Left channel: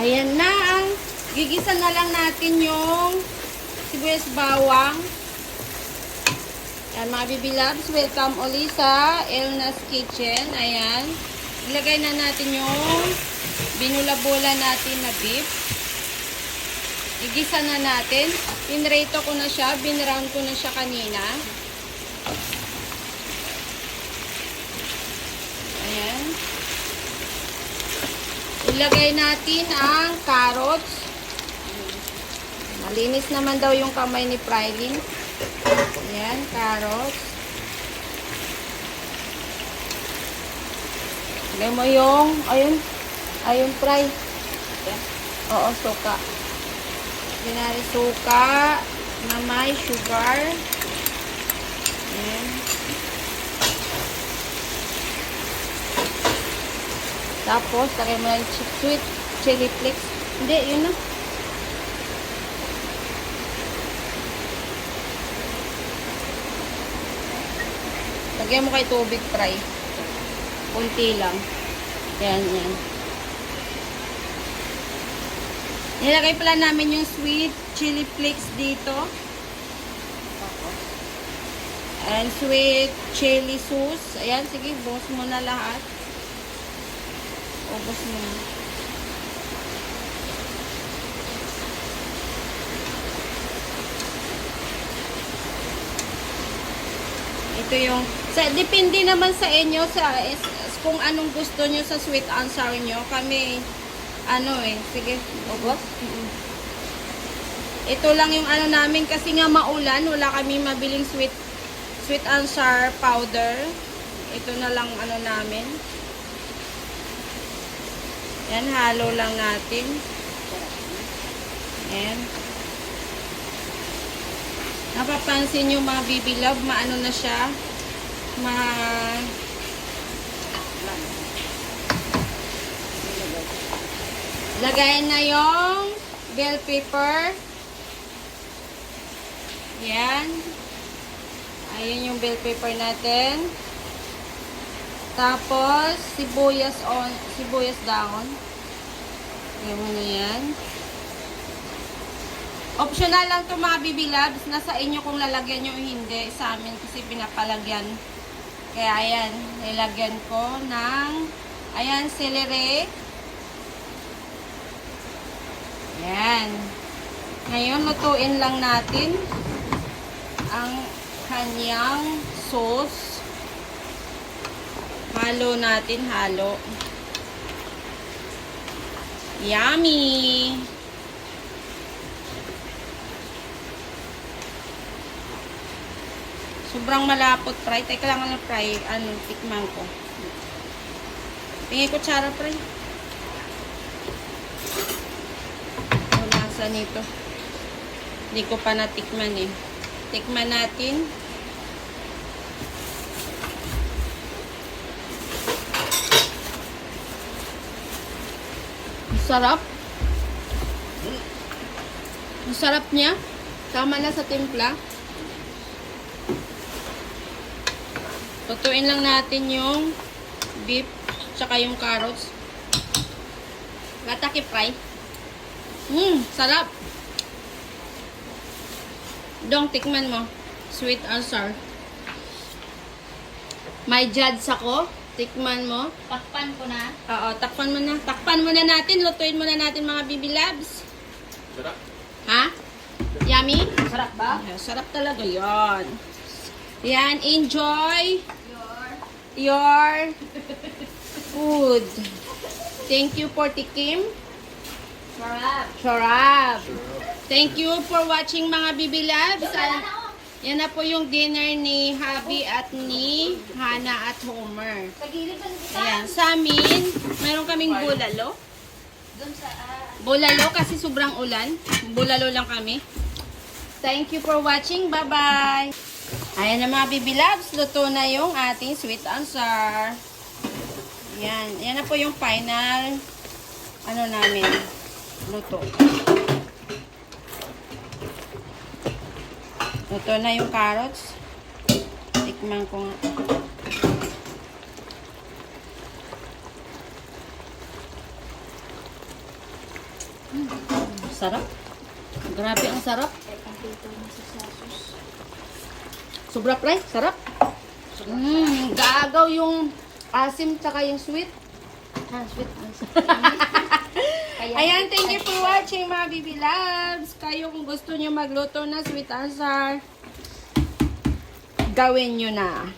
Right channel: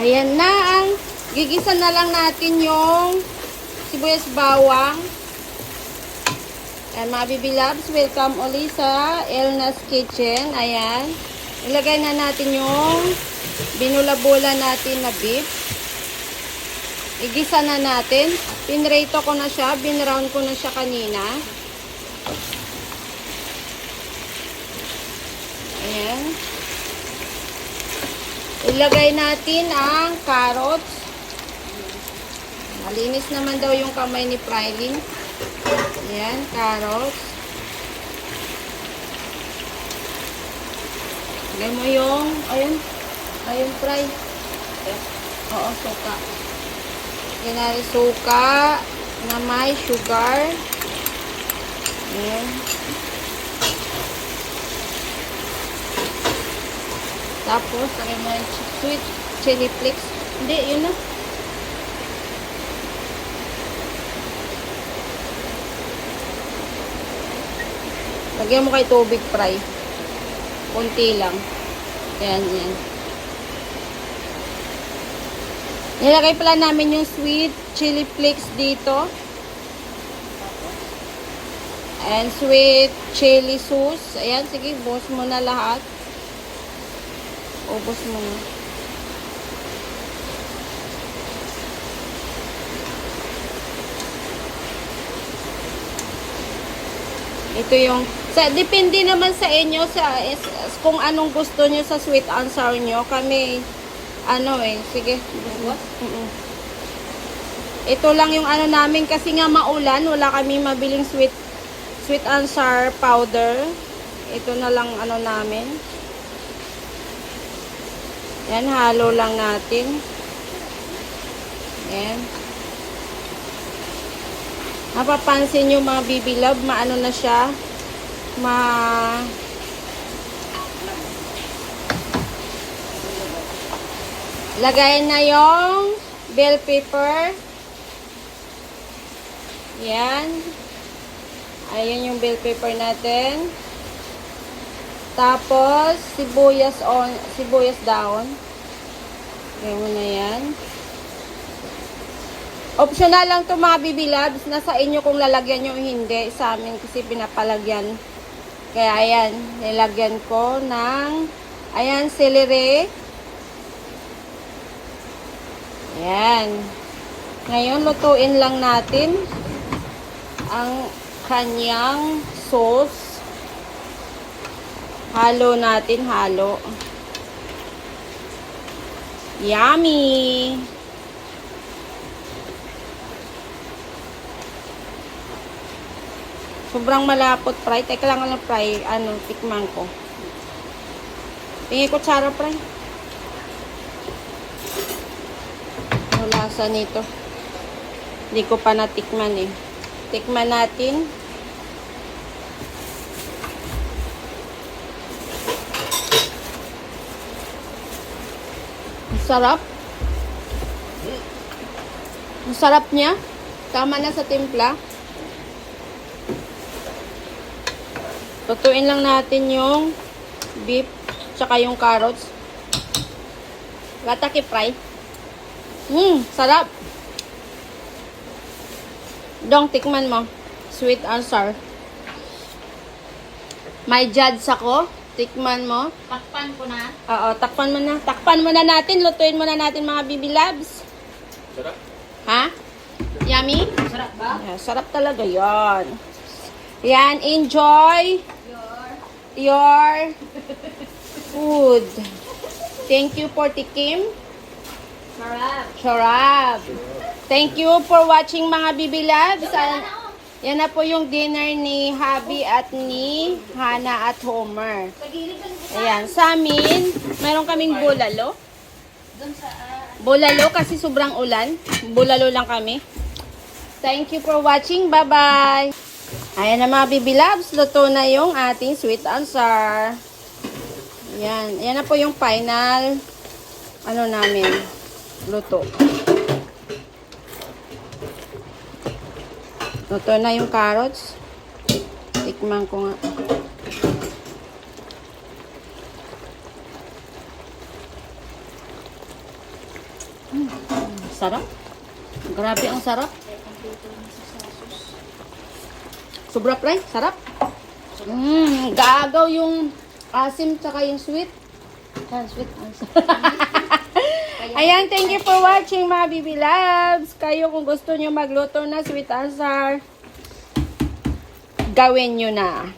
Ayan na ang gigisa na lang natin yung sibuyas bawang. Ayan, mga bibilabs, welcome ulit sa Elna's Kitchen. Ayan, ilagay na natin yung binula-bula natin na beef. Igisa na natin. Pinrito ko na siya, binrown ko na siya kanina. Ayan. Ilagay natin ang carrots. Malinis naman daw yung kamay ni Prylin. Ayan, carrots. Ilagay mo yung, ayun, fry. Oo, suka. Ginari suka na may sugar. Ayan. Tapos, lagay mo yung sweet chili flakes. Hindi, yun na. Lagyan mo kay tubig fry. Kunti lang. Ayan, yan. Nilagay pala namin yung sweet chili flakes dito. And sweet chili sauce. Ayan, sige, buhos mo na lahat. Ubos mo na. Ito yung, depende naman sa inyo kung anong gusto nyo sa sweet and sour nyo. Kami, sige. Ito lang yung namin kasi nga maulan, wala kami mabiling sweet and sour powder. Ito na lang namin. Yan, halo lang natin. Ayan. Napapansin yung mga bibilab, maano na siya, lagayan na yung bell pepper. Yan. Ayan yung bell pepper natin. Tapos, sibuyas down. Ayan mo na yan. Optional lang ito mga bibilabs. Nasa inyo kung lalagyan nyo o hindi. Sa amin kasi pinapalagyan. Kaya ayan, nilagyan ko ng, ayan, celery. Ayan. Ngayon, lutuin lang natin ang kanyang sauce. Halo natin, halo. Yummy! Sobrang malapot, fry. Teka lang fry. Tikman ko. Tingin ko tsara, fry. Ang lasa nito. Hindi ko pa natikman eh. Tikman natin. Sarap. Ang sarap niya. Tama na sa timpla. Lutuin lang natin yung beef tsaka yung carrots. Gataki fry. Sarap. Dong, tikman mo. Sweet and sour. May judge ako. Tikman mo. Takpan ko na. Oo, takpan mo na. Takpan mo na natin. Lutuin mo na natin mga bibilabs. Sarap. Ha? Yummy? Sarap ba? Yeah, sarap talaga yon. Yan, enjoy your food. Thank you for tikim. Sarap. Thank you for watching mga bibilabs. Yan na po yung dinner ni Habi at ni Hana at Homer. Ayan, sa amin, mayroon kaming bulalo. Bulalo kasi sobrang ulan. Bulalo lang kami. Thank you for watching. Bye-bye. Ayan na mga bibilabs. Luto na yung ating sweet and sour. Yan. Yan na po yung final namin. Luto. Luto na yung carrots. Tikman ko nga. Sarap. Grabe ang sarap. Sobra pre, sarap. Gaagaw yung asim tsaka yung sweet. Sweet. Ayan, thank you for watching mga Bibi Loves. Kayo kung gusto nyo magluto na sweet and sour, gawin nyo na.